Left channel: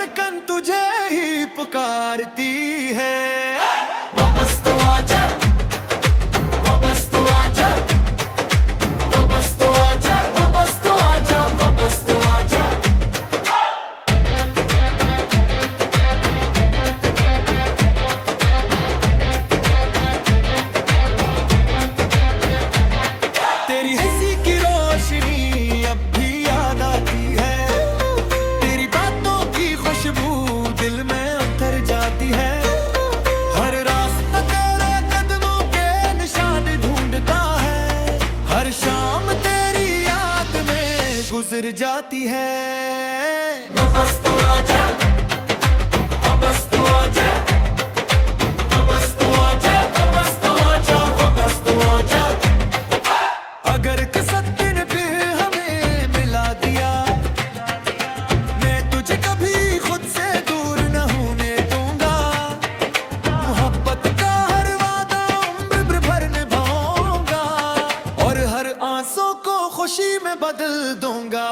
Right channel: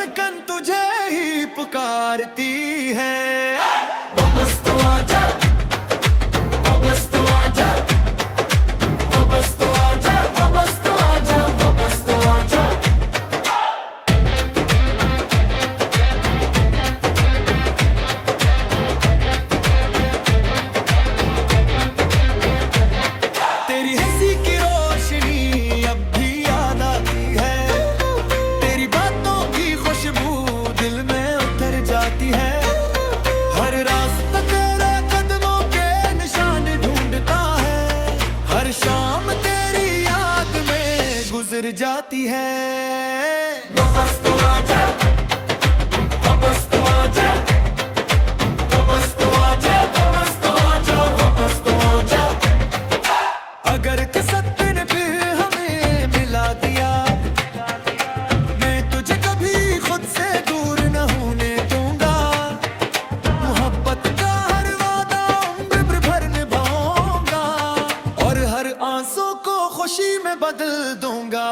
धड़कन तुझे ही पुकारती है। वापस तो आजा, वापस तो आजा, वापस तो आजा, वापस तो आजा, वापस तो आजा। तेरी हंसी की रोशनी अब भी याद आती है, तेरी बातों की खुशबू दिल में उतर जाती है। हर रास्ता तेरे कदमों के निशान ढूंढता है, हर शाम तेरी याद में गुजर जाती है। वापस तो आजा, वापस तो आजा, वापस तो आजा, वापस तो आजा, वापस तो आजा। अगर किस्मत ने फिर हमें मिला दिया, मैं तुझे कभी खुद से दूर न होने दूंगा। मोहब्बत का हर वादा उम्र भर निभाऊंगा, और हर आंसू को खुशी में बदल दूंगा।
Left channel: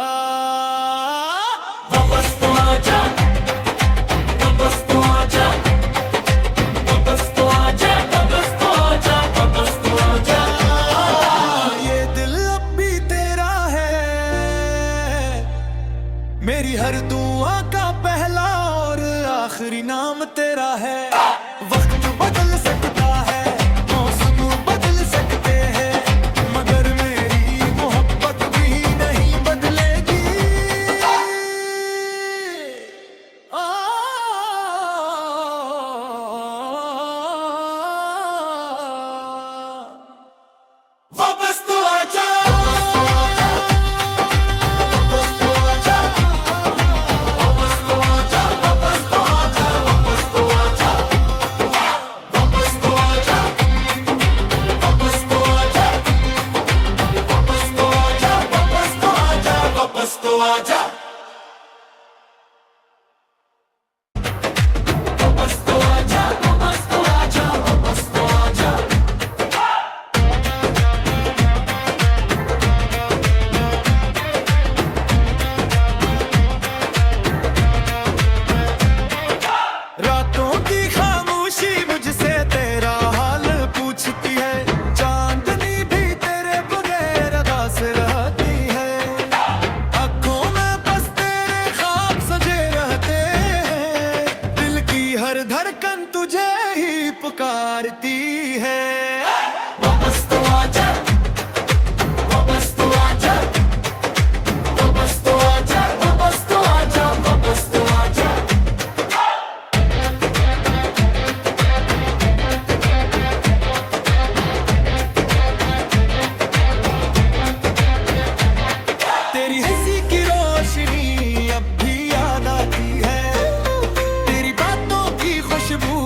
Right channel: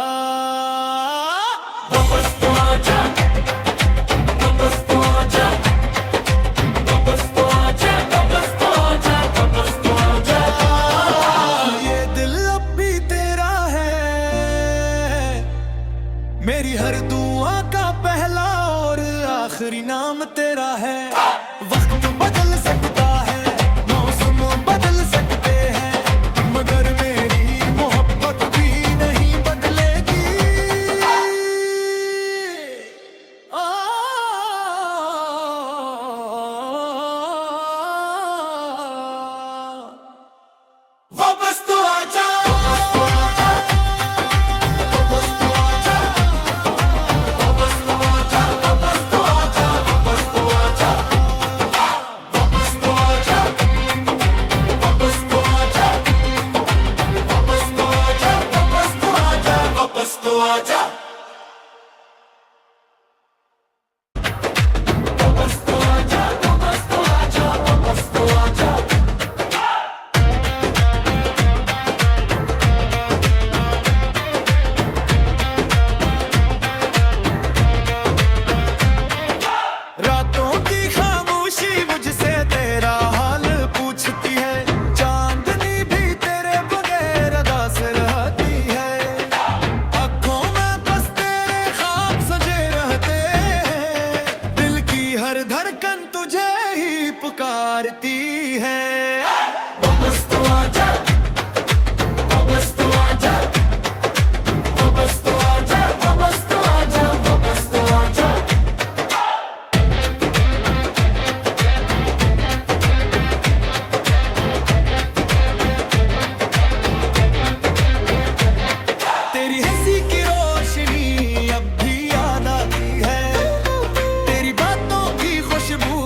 वापस तो आजा, वापस तो आजा, वापस तो आजा, वापस तो आजा, वापस तो आजा। ये दिल अब भी तेरा है, मेरी हर दुआ का पहला और आखिरी नाम तेरा है। वक्त बदल सकता है, मौसम बदल सकते हैं, मगर मेरी मोहब्बत भी नहीं बदलेगी। वापस तो आजा, रातों की खामोशी मुझसे तेरा हाल पूछती है, चांदनी भी तेरे बगैर अदास रहती है। आँखों में बस तेरे ख्वाब सजे रहते हैं, दिल की हर धड़कन तुझे ही पुकारती है। वापस तो आजा, वापस तो आजा, वापस तो आजा, वापस तो आजा, वापस तो आजा। तेरी हंसी की रोशनी अब भी याद आती है, तेरी बातों की खुशबू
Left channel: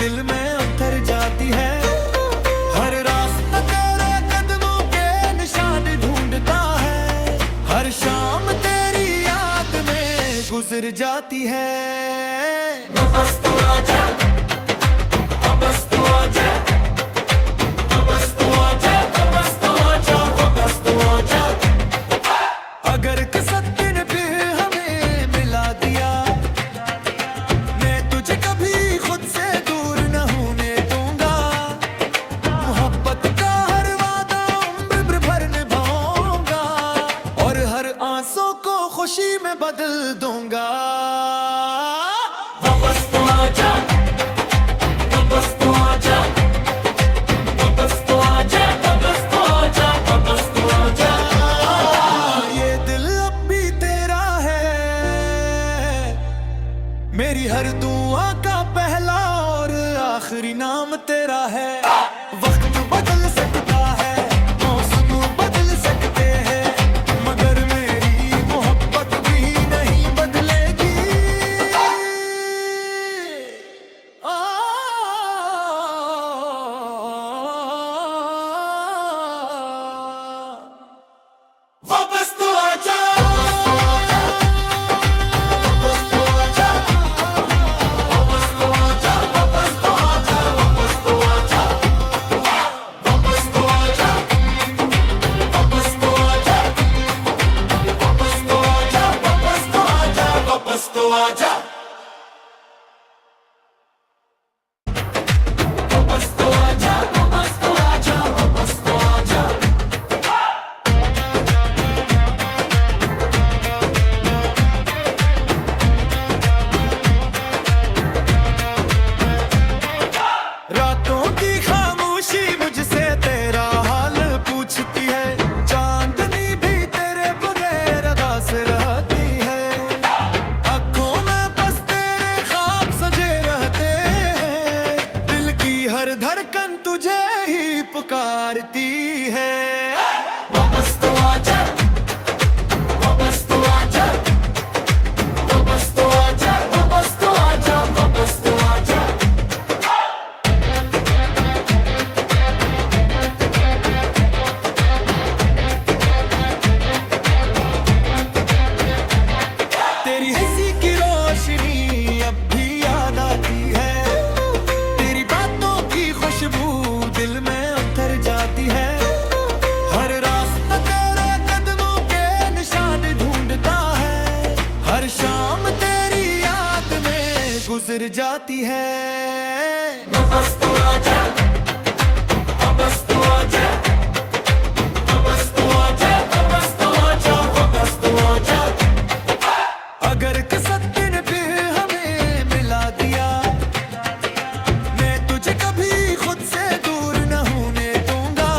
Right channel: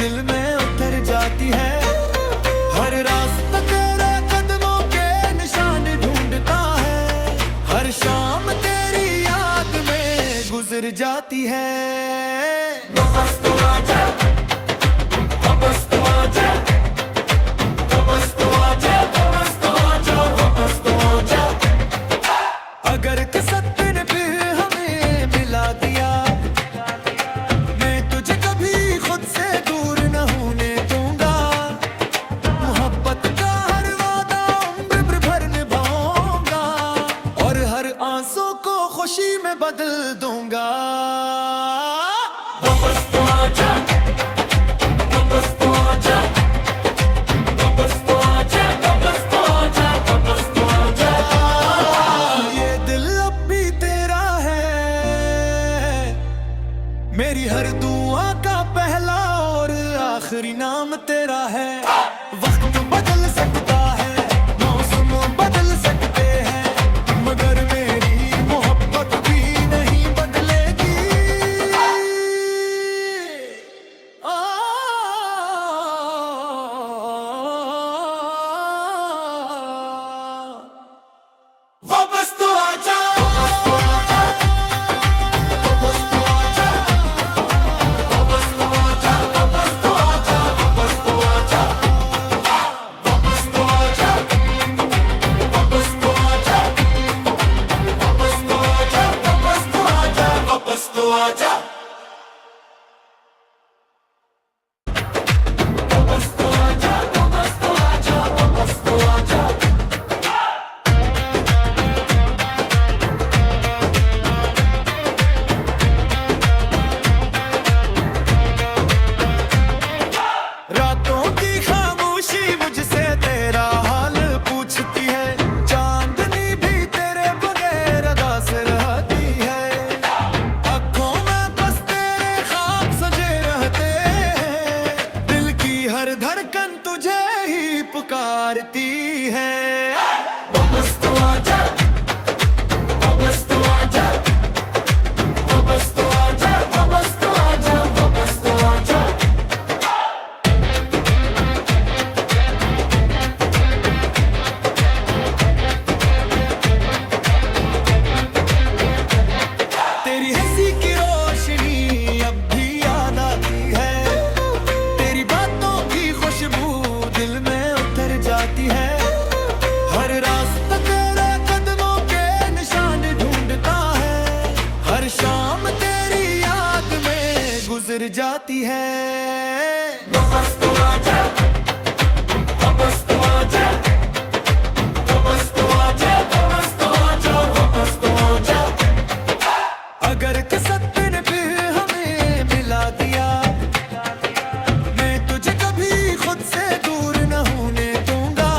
दिल में उतर जाती है। हर रास्ता तेरे कदमों के निशान ढूंढता है, हर शाम तेरी याद में गुजर जाती है। वापस तो आजा, वापस तो आजा, वापस तो आजा, वापस तो आजा, वापस तो आजा। अगर किस्मत ने फिर हमें मिला दिया, मैं तुझे कभी खुद से दूर न होने दूंगा। मोहब्बत का हर वादा उम्र भर निभाऊंगा, और हर आंसू को खुशी में बदल दूंगा। वापस तो आजा, वापस तो आजा, वापस तो आजा, वापस तो आजा, वापस तो आजा। ये दिल अब भी तेरा है, मेरी हर दुआ का पहला और आखिरी नाम तेरा है। वक्त बदल सकता है, मौसम बदल सकते हैं, मगर मेरी मोहब्बत भी नहीं बदलेगी। वापस तो आजा, वापस तो आजा, वापस तो आजा, वापस तो आजा, वापस तो पुकारती है। वापस तो आजा, वापस तो आजा, वापस तो आजा, वापस तो आजा, वापस तो आजा। तेरी हंसी की रोशनी अब भी याद आती है, तेरी बातों की खुशबू दिल में उतर जाती है। हर रास्ता तेरे कदमों के निशान ढूंढता है, हर शाम तेरी याद में गुजर जाती है। वापस तो आजा, वापस तो आजा, वापस तो आजा, वापस तो आजा, वापस तो आजा। अगर किस्मत ने फिर हमें मिला दिया, मैं तुझे कभी खुद से दूर न होने दूंगा।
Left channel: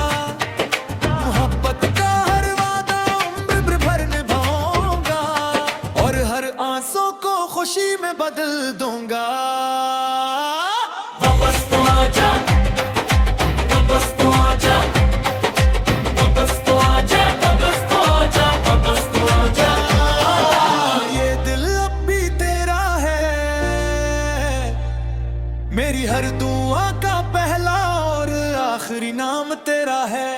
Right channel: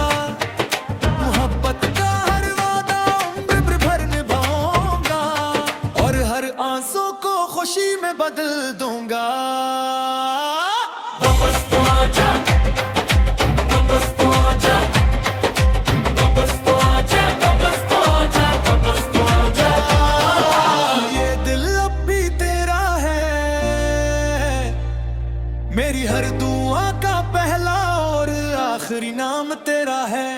मोहब्बत का हर वादा उम्र भर निभाऊंगा, और हर आंसू को खुशी में बदल दूंगा। वापस तो आजा, वापस तो आजा, वापस तो आजा, वापस तो आजा, वापस तो आजा। ये दिल अब भी तेरा है, मेरी हर दुआ का पहला और आखिरी नाम तेरा है।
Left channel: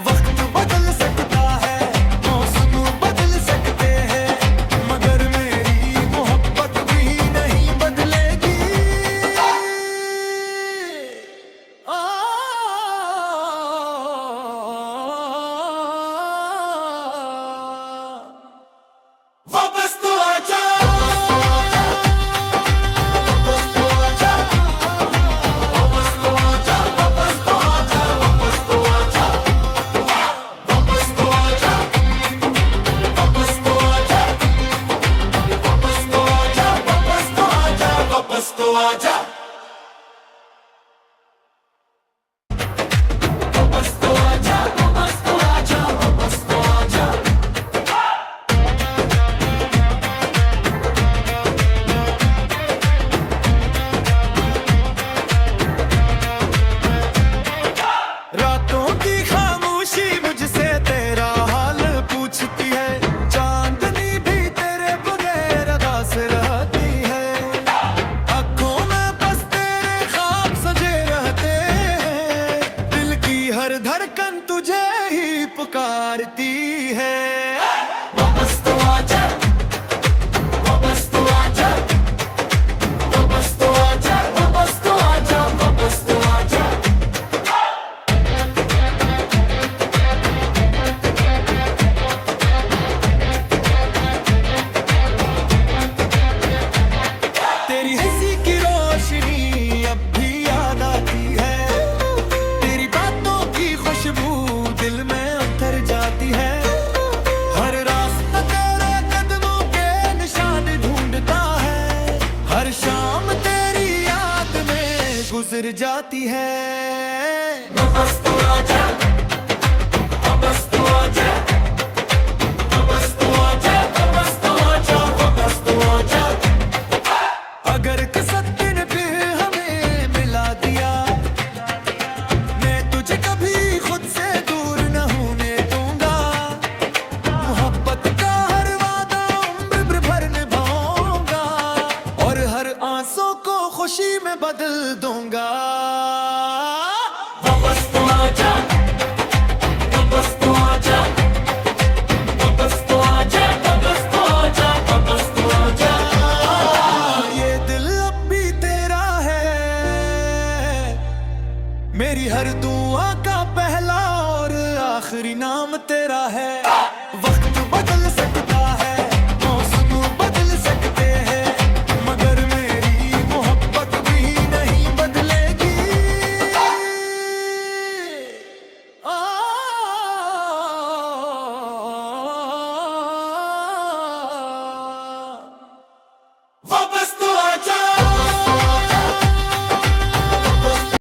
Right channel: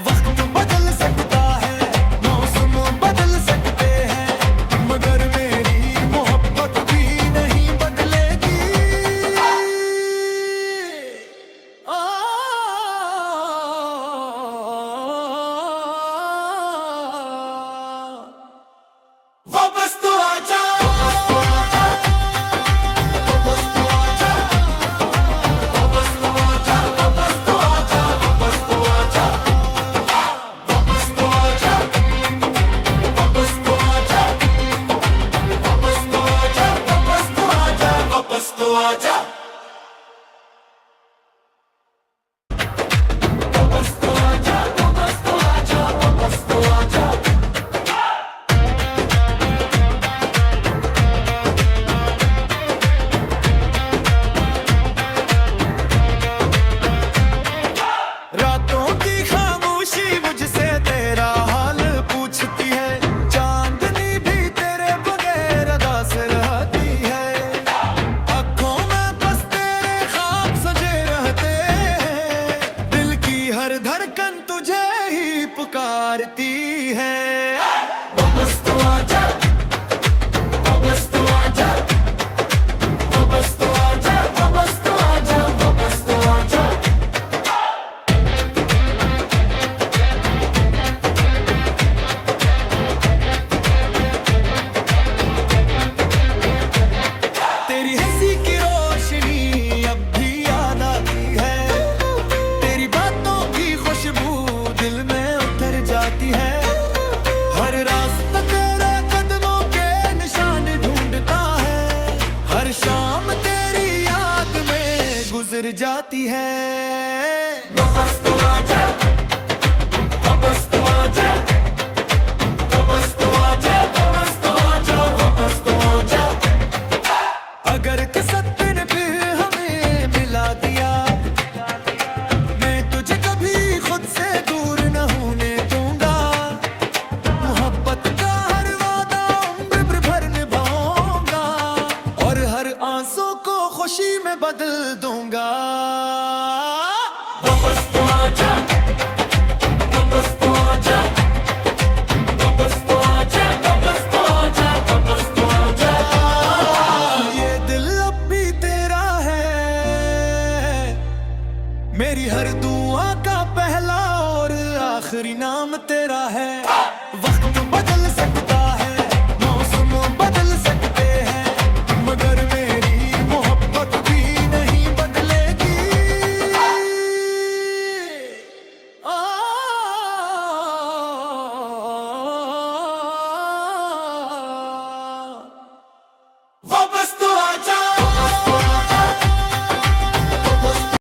वक्त बदल सकता है, मौसम बदल सकते हैं, मगर मेरी मोहब्बत भी नहीं बदलेगी। आ, वापस तो आजा, रातों की खामोशी मुझसे तेरा हाल पूछती है, चांदनी भी तेरे बगैर अदास रहती है। आँखों में बस तेरे ख्वाब सजे रहते हैं, दिल की हर धड़कन तुझे ही पुकारती है। वापस तो आजा, वापस तो आजा, वापस तो आजा, वापस तो आजा, वापस तो आजा। तेरी हंसी की रोशनी अब भी याद आती है, तेरी बातों की खुशबू दिल में उतर जाती है। हर रास्ता तेरे कदमों के निशान ढूंढता है, हर शाम तेरी याद में गुजर जाती है। वापस तो आजा, वापस तो आजा, वापस तो आजा, वापस तो आजा, वापस तो आजा। अगर किस्मत ने फिर हमें मिला दिया, मैं तुझे कभी खुद से दूर न होने दूंगा। मोहब्बत का हर वादा उम्र भर निभाऊंगा, और हर आंसू को खुशी में बदल दूंगा। वापस तो आजा, वापस तो आजा, वापस तो आजा, वापस तो आजा, वापस तो आजा। ये दिल अब भी तेरा है, मेरी हर दुआ का पहला और आखिरी नाम तेरा है। वक्त बदल सकता